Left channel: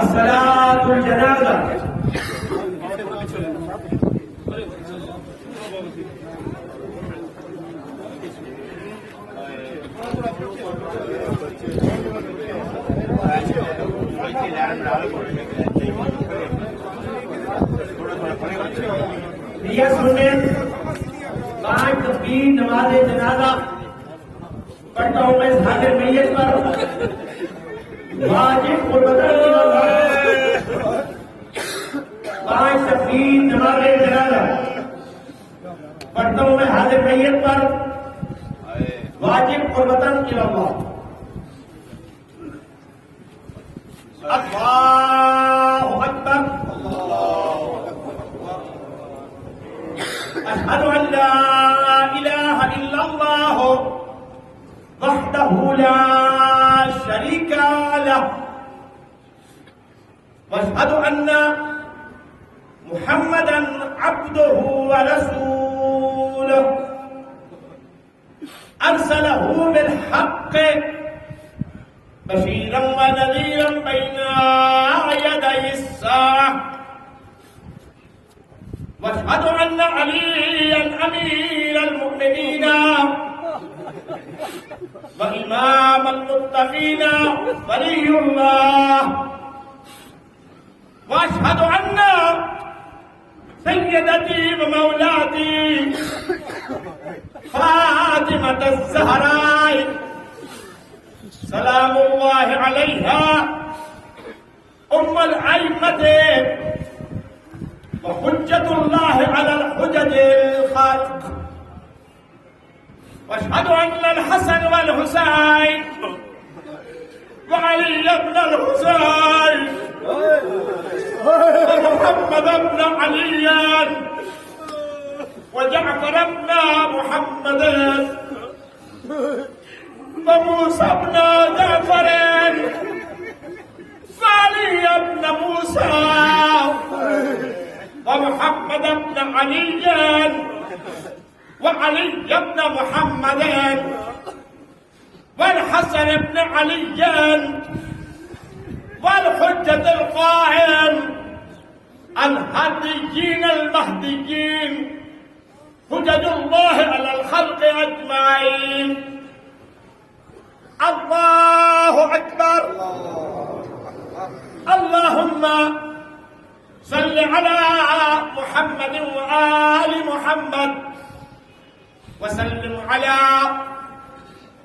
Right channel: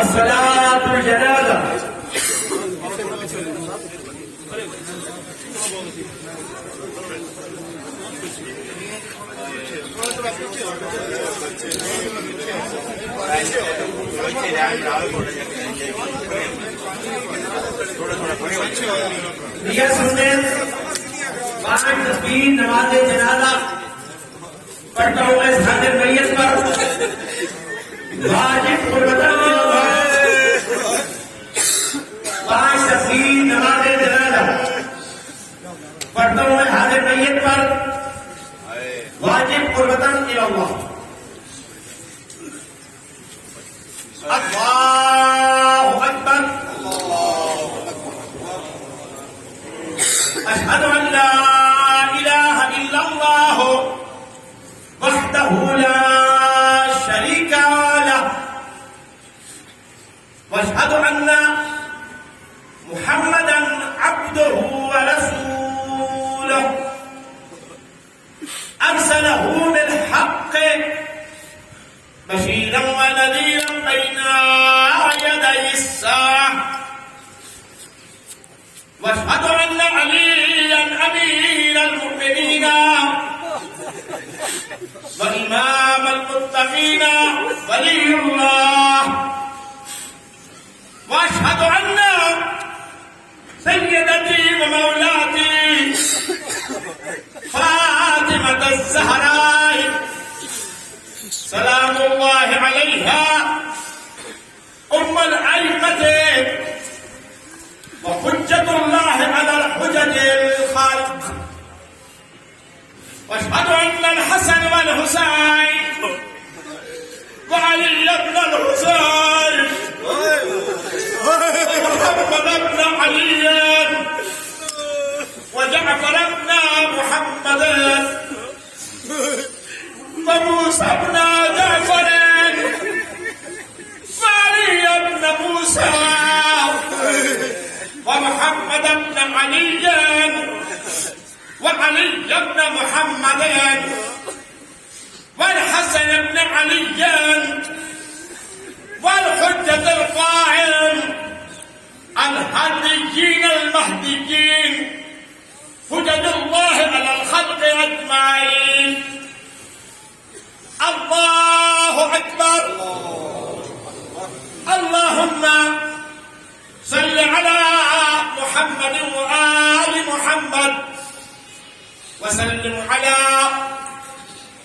الصلاة الجنازة. Dear students, आज तस्वीर नमाज जनाजा पढ़ता हूँ मैं हाजिर मैयत पर वाजिब कुर्बतन पांच तस्वीर नमाज जनाजा पढ़ता हूँ मैं हाजिर मैयत पर वाजिब कुर्बतन इल्लल्लाह। अल्लाहु अकबर। अशहदु अन ला इलाहा इल्लल्लाह वहदहु ला शरीका लह व अशहदु अन्ना मुहम्मदन अब्दुहु व रसूलुहु अरसलहु बिल हक़्क़ बशीरन व नज़ीरन बैना यदै अस्साअह वअशहदु अन्ना अलिय्यन अमीरल मुमिनीन व इमामल मुत्तक़ीन वलियुल्लाह वअशहदु अन्ना सय्यदती व मौलाती फातिमतुज़ ज़हरा सलामुल्लाहि अलैहा उम्मुल अइम्मत वहुज्जतुल्लाहि अलल हुज्जतिल खालिक वअशहदु अन्नल हसन वल हुसैन व अली इब्नुल हुसैन व मुहम्मद इब्न अली व जअफर इब्न मुहम्मद व मूसा इब्न जअफर व अली इब्न मूसा ومحمد بن علي وعلي بن محمد والحسن بن علي والحجة القائم الهديين المهديين حجج الله على الخلق أجمعين. الله أكبر. اللهم صل على محمد وآل محمد وسلم على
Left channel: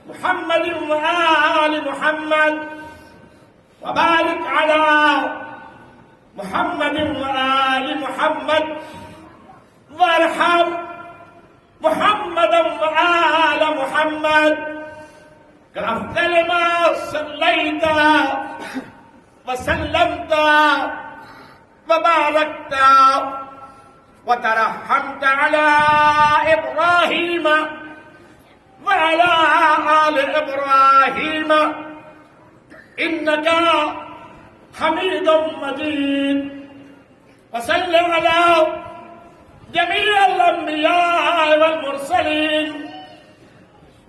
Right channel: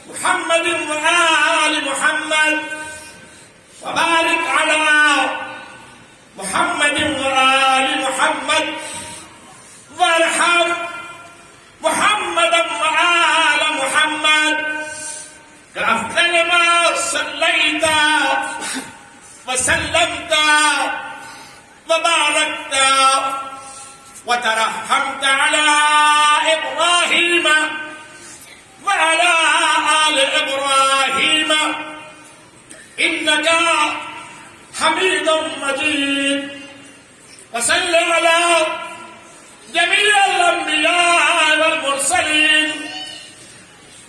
محمد وآل محمد وبارك على محمد وآل محمد وارحم محمدا وآل محمد كأفضل ما صليت وسلمت وباركت وترحمت على إبراهيم وعلى آل إبراهيم إنك حميد مجيد. وصل على جميع الأنبياء والمرسلين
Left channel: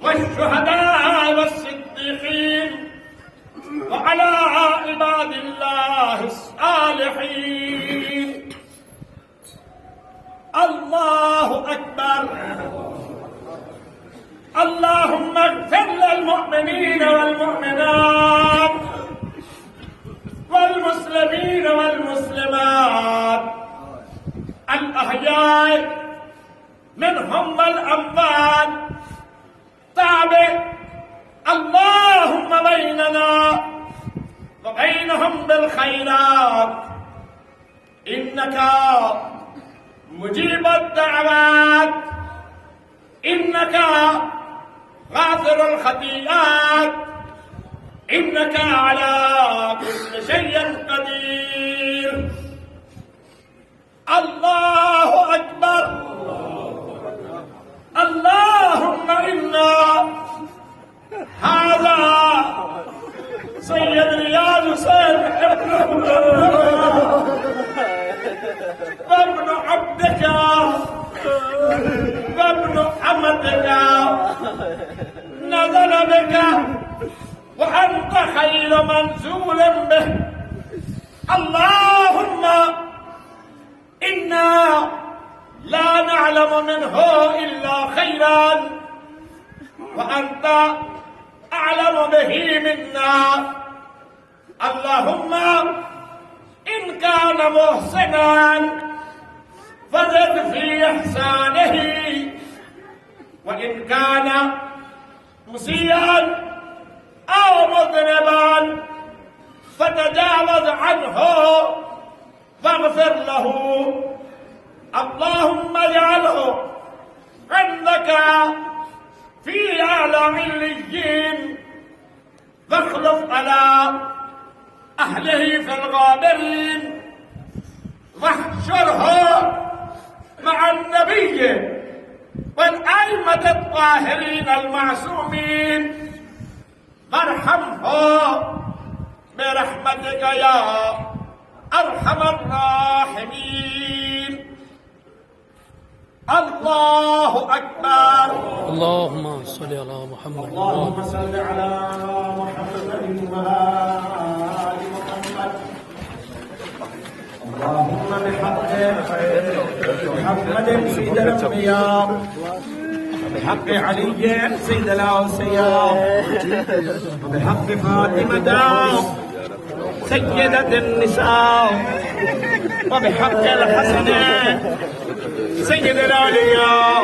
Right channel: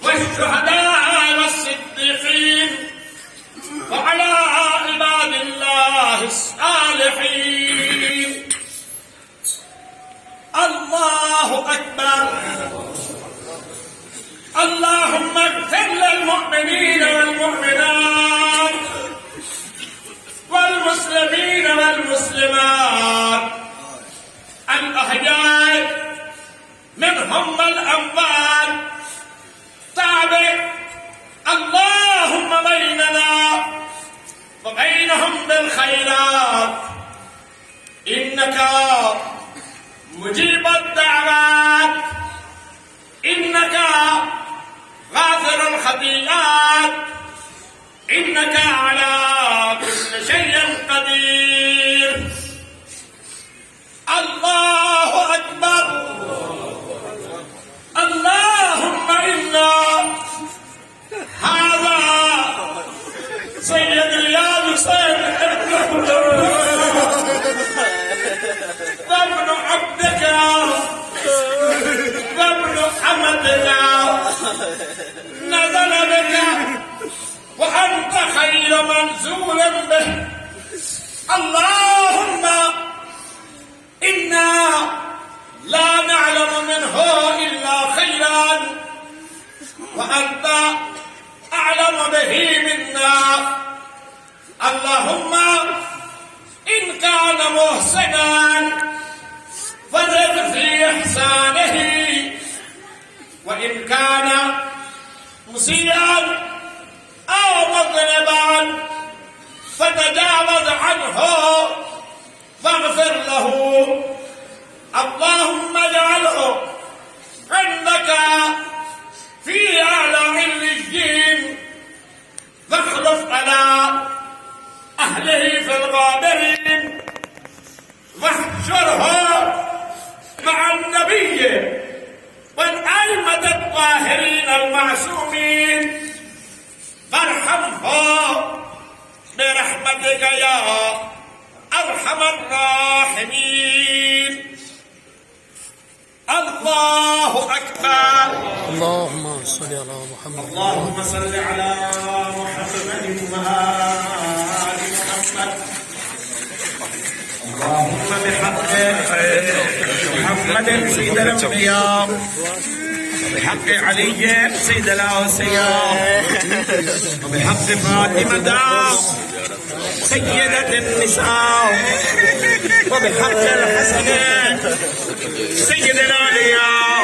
والشهداء والصديقين وعلى عباد الله الصالحين. الله أكبر. اللهم اغفر للمؤمنين والمؤمنات والمسلمين والمسلمات الأحياء منهم والأموات. تابع اللهم بيننا وبينهم بالخيرات إنك مجيب الدعوات إنك غافر الخطيئات إنك على كل شيء قدير. الله أكبر. اللهم إنا هذا سيد رياض حسين وابن عبدك وابن حمدك نزل بك وأنت خير منزول به. اللهم إنا لا نعلم منه إلا خيرا وأنت أعلم به منا. اللهم إن كان محسنا فزد في إحسانه، وإن كان مسيئا أو مذنبا فتجاوز عنه فاغفر له. اللهم اجعله عندك في أعلى عليين، فاخلف على أهله في الغابرين، واحشره مع النبي والأئمة الطاهرين المعصومين، فارحمه برحمتك يا أرحم الراحمين. الله أكبر. اللهم صل على محمد. اللهم صل على محمد وآل محمد. اللهم بحق محمد سيد الأنبياء، وبحق علي سيد الأوصياء، وبحق فاطمة سيدة النساء، وبحق الحسن سيد الأولياء،